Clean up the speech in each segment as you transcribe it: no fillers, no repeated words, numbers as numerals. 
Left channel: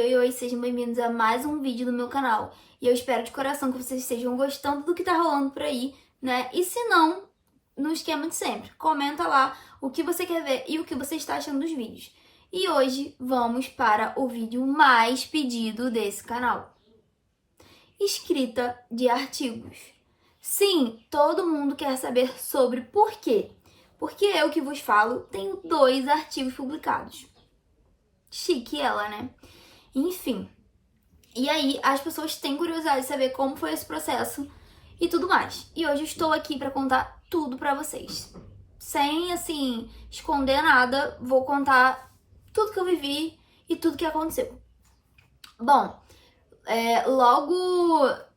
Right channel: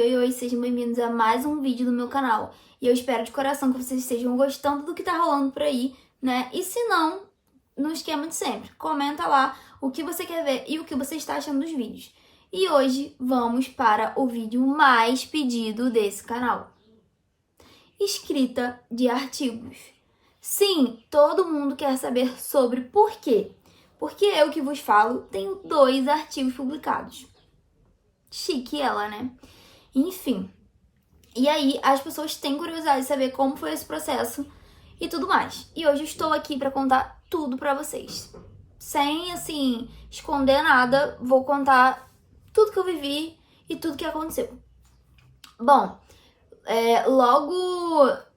Oi, sejam bem-vindos a mais um vídeo do meu canal. E eu espero de coração que vocês estejam gostando do que tá rolando por aí, né? E se não, no esquema de sempre, comenta lá o que você quer ver e o que você está achando dos vídeos. E hoje vamos para o vídeo mais pedido desse canal. Escrita de artigos. Sim, todo mundo quer saber sobre por quê. Porque eu que vos falo tenho 2 artigos publicados. Chique ela, né? Enfim. E aí, as pessoas têm curiosidade de saber como foi esse processo e tudo mais. E hoje eu estou aqui para contar tudo para vocês. Sem, assim, esconder nada, vou contar tudo que eu vivi e tudo que aconteceu. Bom, logo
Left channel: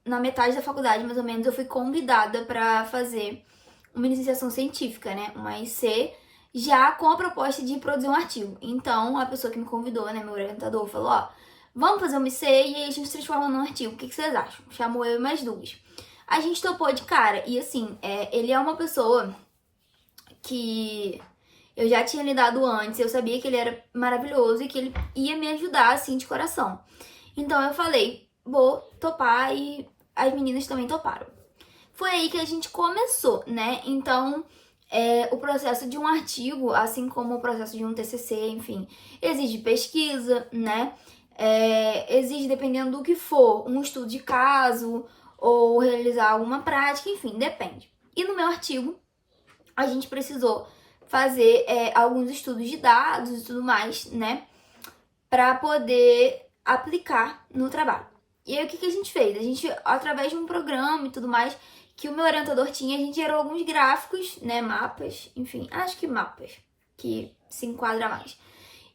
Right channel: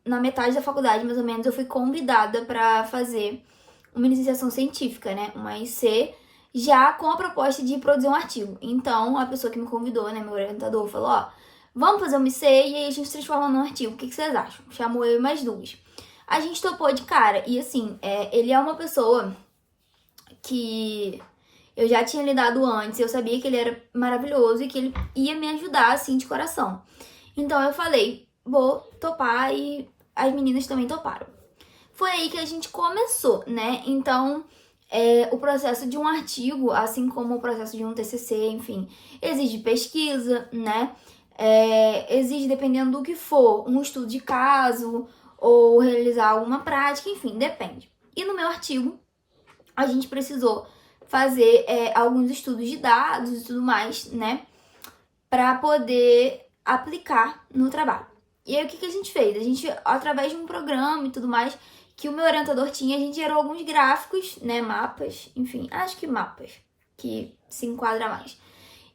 na metade da faculdade, mais ou menos, eu fui convidada para fazer uma iniciação científica, né? Uma IC, já com a proposta de produzir um artigo. Então, a pessoa que me convidou, né, meu orientador, falou, ó, vamos fazer uma IC e aí a gente transforma num artigo. O que vocês acham? Chamou eu e mais 2. A gente topou de cara. E assim, ele é uma pessoa que eu já tinha lidado antes. Eu sabia que ele era maravilhoso e que ele ia me ajudar, assim, de coração. Então, eu falei, vou topar e as meninas também toparam. Foi aí que a gente começou, né? Então, o processo de um artigo, assim como o processo de um TCC, enfim, exige pesquisa, né? Exige, dependendo do que for, um estudo de caso ou realizar alguma prática, enfim, depende. E no meu artigo, a gente precisou fazer alguns estudos de dados e tudo mais, né? Para poder aplicar no trabalho. E aí, o que a gente fez? A gente, através de um programa e tudo mais, que o meu orientador tinha, a gente gerou alguns gráficos, né, mapas, enfim, acho que mapas, que se enquadra mais.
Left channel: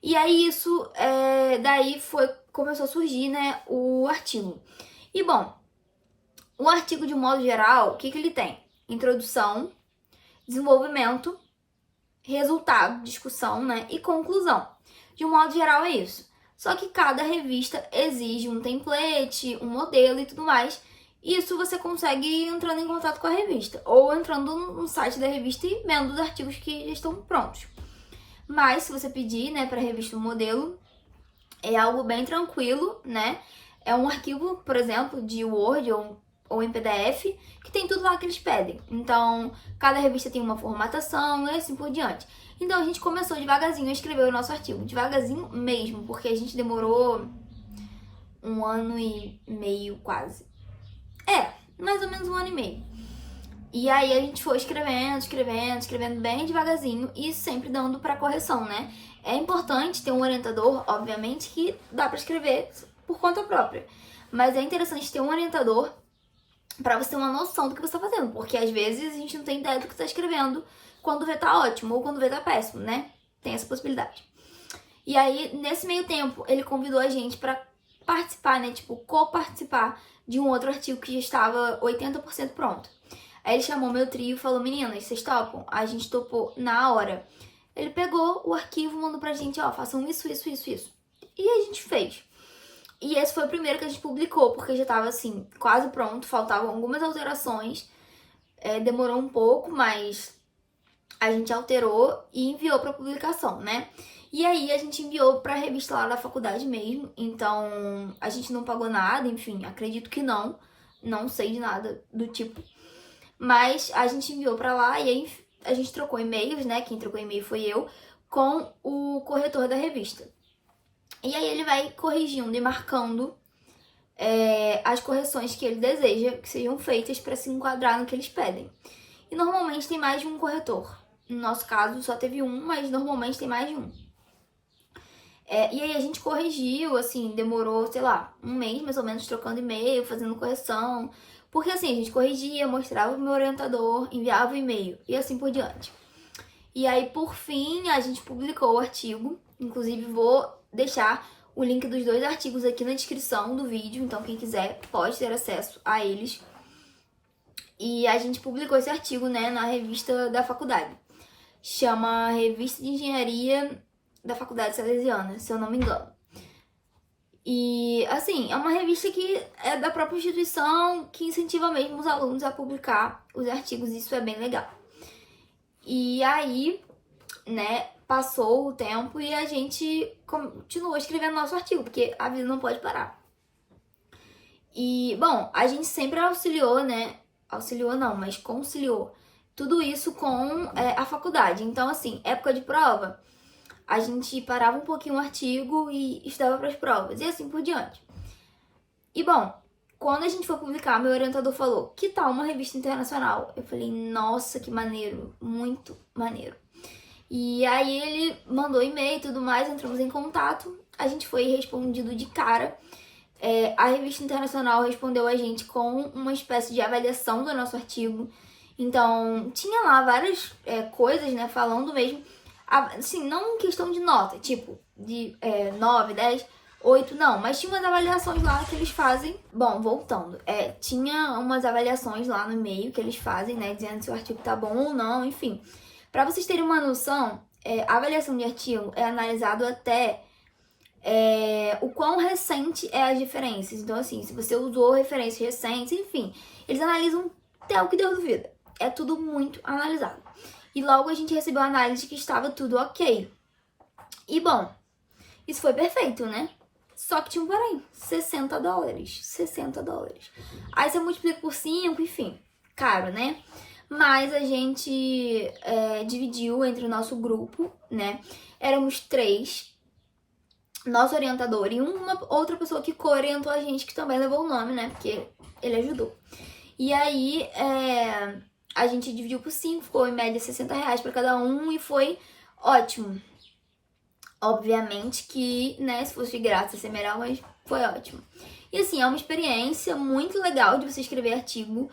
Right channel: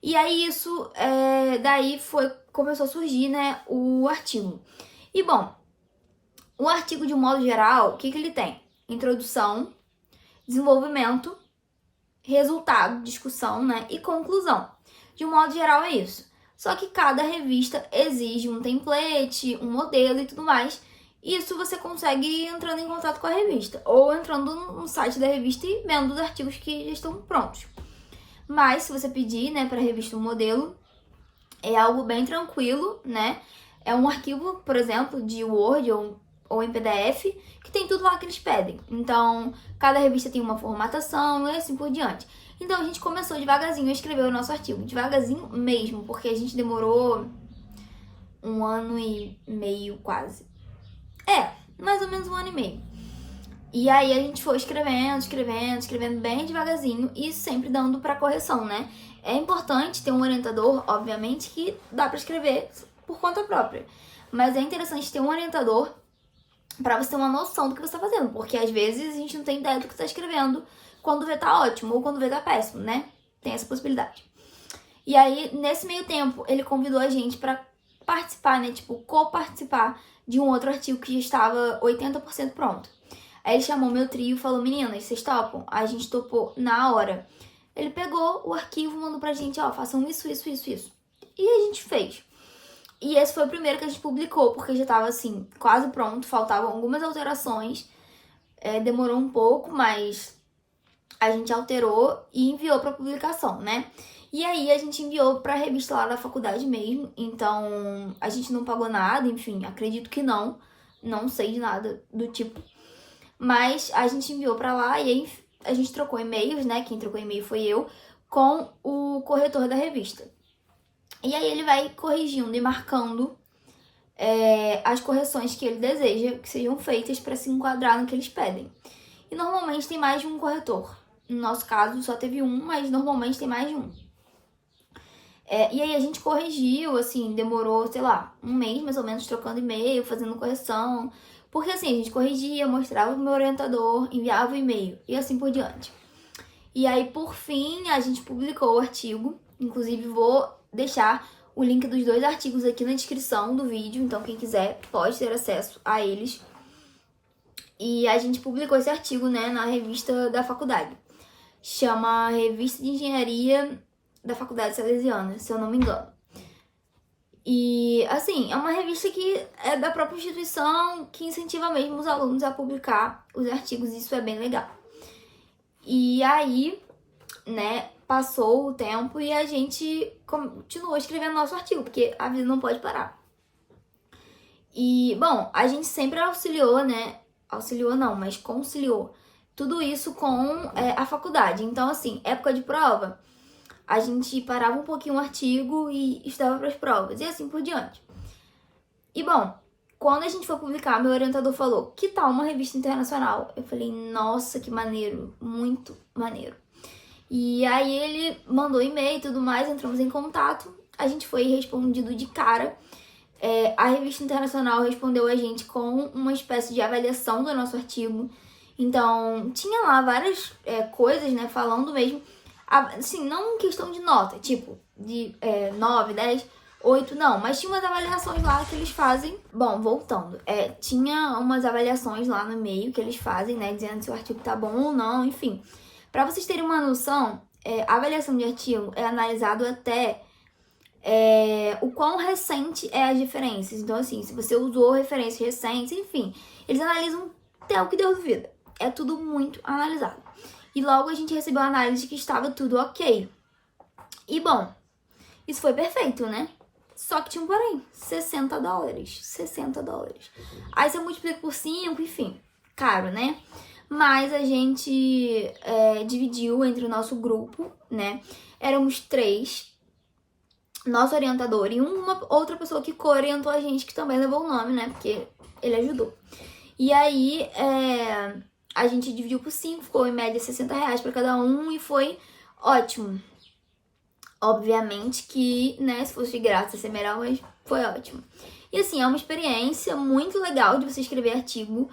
E aí isso, daí começou a surgir, né, o artigo. E bom, o artigo de um modo geral, o que ele tem? Introdução, desenvolvimento, resultado, discussão, né, e conclusão. De um modo geral é isso. Só que cada revista exige um template, um modelo e tudo mais. Isso você consegue entrando em contato com a revista ou entrando no site da revista e vendo os artigos que já estão prontos. Mas se você pedir, né, para a revista um modelo, é algo bem tranquilo, né? É um arquivo, por exemplo, de Word ou em PDF, que tem tudo lá que eles pedem. Então, cada revista tem uma formatação e assim por diante. Então, a gente começou devagarzinho a escrever o nosso artigo. Devagarzinho mesmo, porque a gente demorou 1 ano e meio quase. Mais ou menos 1 ano e meio. E aí a gente foi escrevendo bem devagarzinho e sempre dando para correção, né? É importante ter um orientador, obviamente, que dá para escrever por conta própria. Mas é interessante ter um orientador para você ter uma noção do que você tá fazendo, porque às vezes a gente não tem ideia do que tá escrevendo quando vê tá ótimo ou quando vê tá péssimo, né? Tem essa possibilidade. E aí, nesse meio tempo, ele convidou a gente para participar, né? Tipo, co-participar de um outro artigo que já estava 80% pronto. Aí ele chamou meu trio e falou, meninas, vocês topam? A gente topou na hora. Ele pegou o arquivo, mandou pra gente, ó, façam isso. E a gente fez. E esse foi o primeiro que a gente publicou, porque já tava, assim, quase pronto, faltavam algumas alterações. Demorou um pouco, mas a gente alterou e enviou pra publicação, né? E aí a gente enviou pra revista lá da faculdade mesmo, então a gente não pagou nada, enfim, acredito que não sei de nada do tipo. Mas a gente enviou pra lá e aí a gente trocou e-mails, né? Quem trocou e-mail foi eu, com o corretor da revista. E aí ele vai corrigindo e marcando as correções que ele deseja que sejam feitas para se enquadrar no que eles pedem. E normalmente tem mais de um corretor. No nosso caso só teve um, mas normalmente tem mais de um. E aí a gente corrigiu, assim, demorou, sei lá, 1 mês mais ou menos trocando e-mail, fazendo correção. Porque assim, a gente corrigia, mostrava pro meu orientador, enviava o e-mail e assim por diante. E aí, por fim, a gente publicou o artigo. Inclusive, vou deixar o link dos 2 artigos aqui na descrição do vídeo. Então, quem quiser pode ter acesso a eles. E a gente publicou esse artigo, né, na revista da faculdade. Chama Revista de Engenharia da Faculdade Salesiana, se eu não me engano. E, assim, é uma revista que é da própria instituição, que incentiva mesmo os alunos a publicar os artigos, isso é bem legal. E aí, né, passou o tempo e a gente continuou escrevendo nosso artigo, porque a vida não pode parar. E, bom, a gente sempre auxiliou, né? Auxiliou não, mas conciliou tudo isso com a faculdade. Então, assim, época de prova, a gente parava um pouquinho o artigo e estudava para as provas, e assim por diante. E, bom, quando a gente foi publicar, meu orientador falou, que tal uma revista internacional? Eu falei, nossa, que maneiro, muito maneiro. E aí ele mandou e-mail e tudo mais, entramos em contato, a gente foi respondido de cara. A revista internacional respondeu a gente com uma espécie de avaliação do nosso artigo. Então, tinha lá várias coisas, né, falando mesmo, assim, não em questão de nota, tipo, de 9, 10, 8, não, mas tinha umas avaliações lá que eles fazem. Bom, voltando, tinha umas avaliações lá no meio que eles fazem, né, dizendo se o artigo tá bom ou não, enfim. Pra vocês terem uma noção, a avaliação de artigo é analisado até o quão recente é as referências. Então, assim, se você usou referências recentes, enfim, eles analisam até o que deu dúvida. É tudo muito analisado. E logo a gente recebeu a análise de que estava tudo ok. E, bom, isso foi perfeito, né? Só que tinha um porém, $60. 60 dólares. Aí você multiplica por 5, enfim, caro, né? Mas a gente dividiu entre o nosso grupo, né? Éramos 3, nosso orientador e uma outra pessoa que co-orientou a gente, que também levou o nome, né? Porque ele ajudou. E aí, a gente dividiu por 5, ficou em média R$60 para cada um e foi ótimo. Obviamente que, né, se fosse de graça ia ser melhor, mas foi ótimo. E assim, é uma experiência muito legal de você escrever artigo.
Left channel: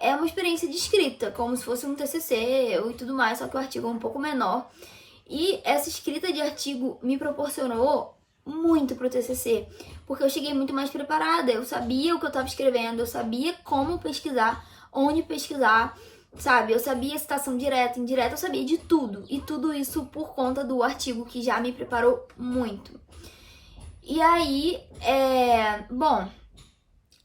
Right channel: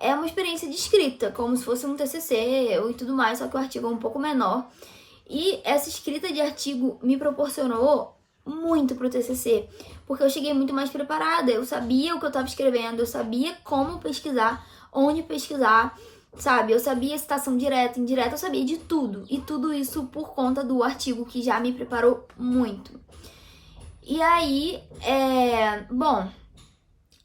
É uma experiência de escrita, como se fosse um TCC e tudo mais, só que o artigo é um pouco menor. E essa escrita de artigo me proporcionou muito pro TCC, porque eu cheguei muito mais preparada, eu sabia o que eu estava escrevendo, eu sabia como pesquisar, onde pesquisar, sabe? Eu sabia citação direta, indireta, eu sabia de tudo. E tudo isso por conta do artigo que já me preparou muito. E aí, bom,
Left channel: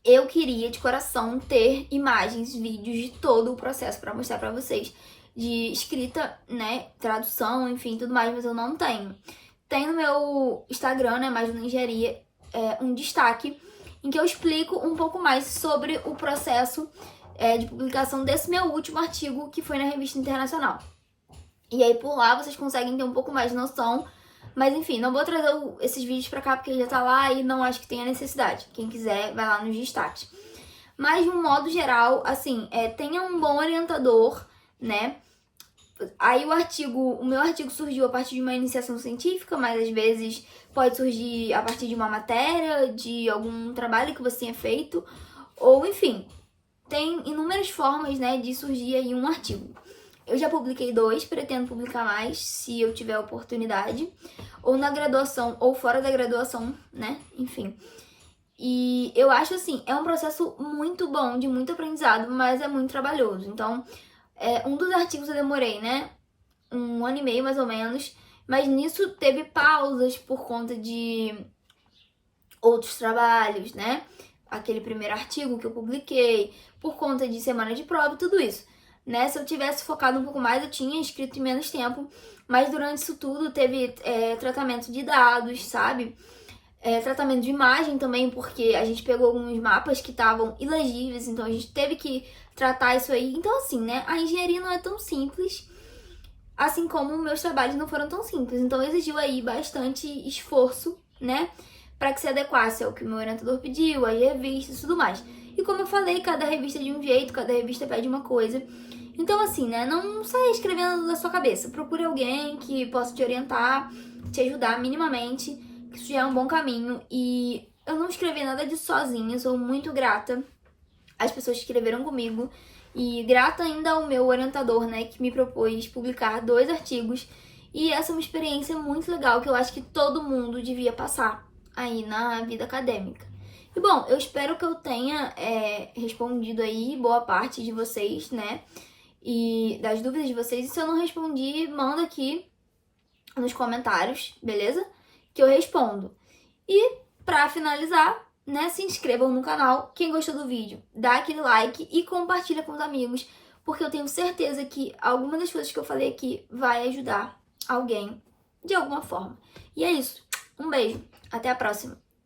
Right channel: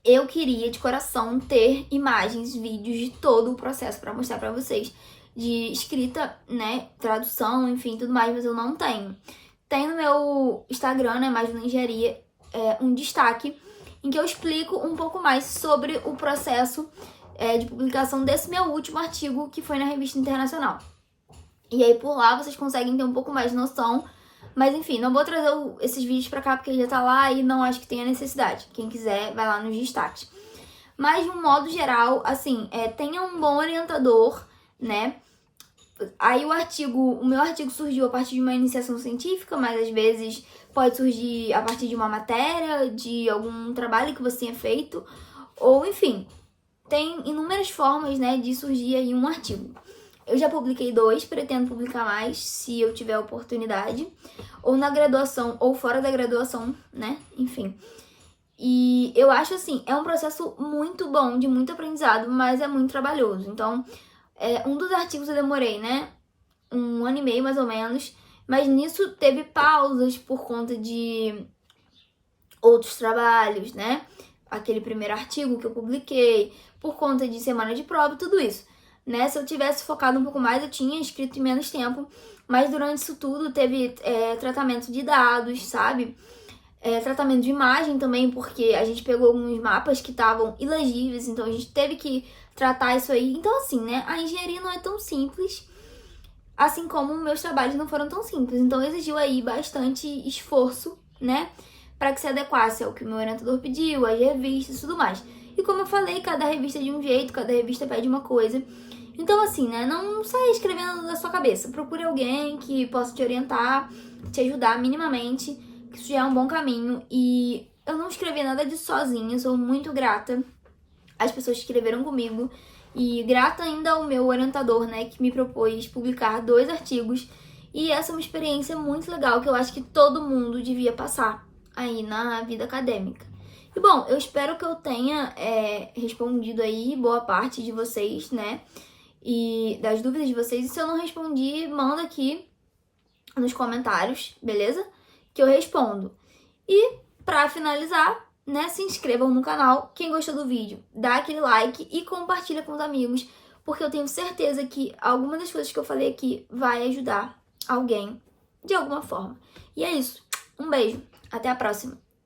eu queria de coração ter imagens, vídeos de todo o processo para mostrar para vocês de escrita, né, tradução, enfim, tudo mais, mas eu não tenho. Tem no meu Instagram, né, mais no Engenharia, um destaque em que eu explico um pouco mais sobre o processo de publicação desse meu último artigo, que foi na Revista Internacional. E aí por lá vocês conseguem ter um pouco mais de noção, mas enfim, não vou trazer esses vídeos pra cá porque já tá lá e não acho que tenha necessidade. Quem quiser, vai lá nos destaques. Mas de um modo geral, assim, tenha um bom orientador, né? Aí o meu artigo surgiu a partir de uma iniciação científica, mas às vezes pode surgir a partir de uma matéria, de algum trabalho que você tenha feito, ou enfim, tem inúmeras formas, né, de surgir aí um artigo. Eu já publiquei 2, pretendo publicar mais se eu tiver oportunidade, ou na graduação ou fora da graduação, né, enfim. E eu acho assim, é um processo muito bom, de muito aprendizado, mas é muito trabalhoso. Então, um dos artigos eu demorei, né, 1 ano e meio mais ou menos, mas nisso teve pausas por conta de outros trabalhos, né? Aquele primeiro artigo que eu publiquei, por conta de semana de prova e tudo isso, né? Se eu tivesse focado um pouco mais, eu tinha escrito em menos tempo, mas durante isso tudo teve tratamento de dados, sabe? Tratamento de imagem também, porque a gente pegou alguns mapas que estavam ilegíveis, então a gente teve que tratar isso aí. Então, assim, né? A engenharia não é tão simples, assim como meus trabalhos não foram tão simples. Então, exigiu aí bastante esforço, né? Para que se adequasse ao que o meu orientador pediu, as revistas e tudo mais. E como eu falei, cada revista é de um jeito, cada revista pede uma coisa. Então, assim, né? Não saia escrevendo da sua cabeça. Procure alguém que possa te orientar, te ajudar minimamente, que isso já é um bom caminho. E eu não escrevi nada disso sozinha, sou muito grata às pessoas que escreveram comigo. E grata ainda ao meu orientador, né, que me propôs publicar 2 artigos. E essa é uma experiência muito legal que eu acho que todo mundo devia passar aí na vida acadêmica. E bom, eu espero que eu tenha respondido aí boa parte de vocês, né, e das dúvidas de vocês. E se eu não respondi, manda aqui nos comentários, beleza? Que eu respondo. E pra finalizar, né, se inscrevam no canal. Quem gostou do vídeo, dá aquele like e compartilha com os amigos, porque eu tenho certeza que alguma das coisas que eu falei aqui vai ajudar alguém de alguma forma. E é isso. Um beijo. Até a próxima.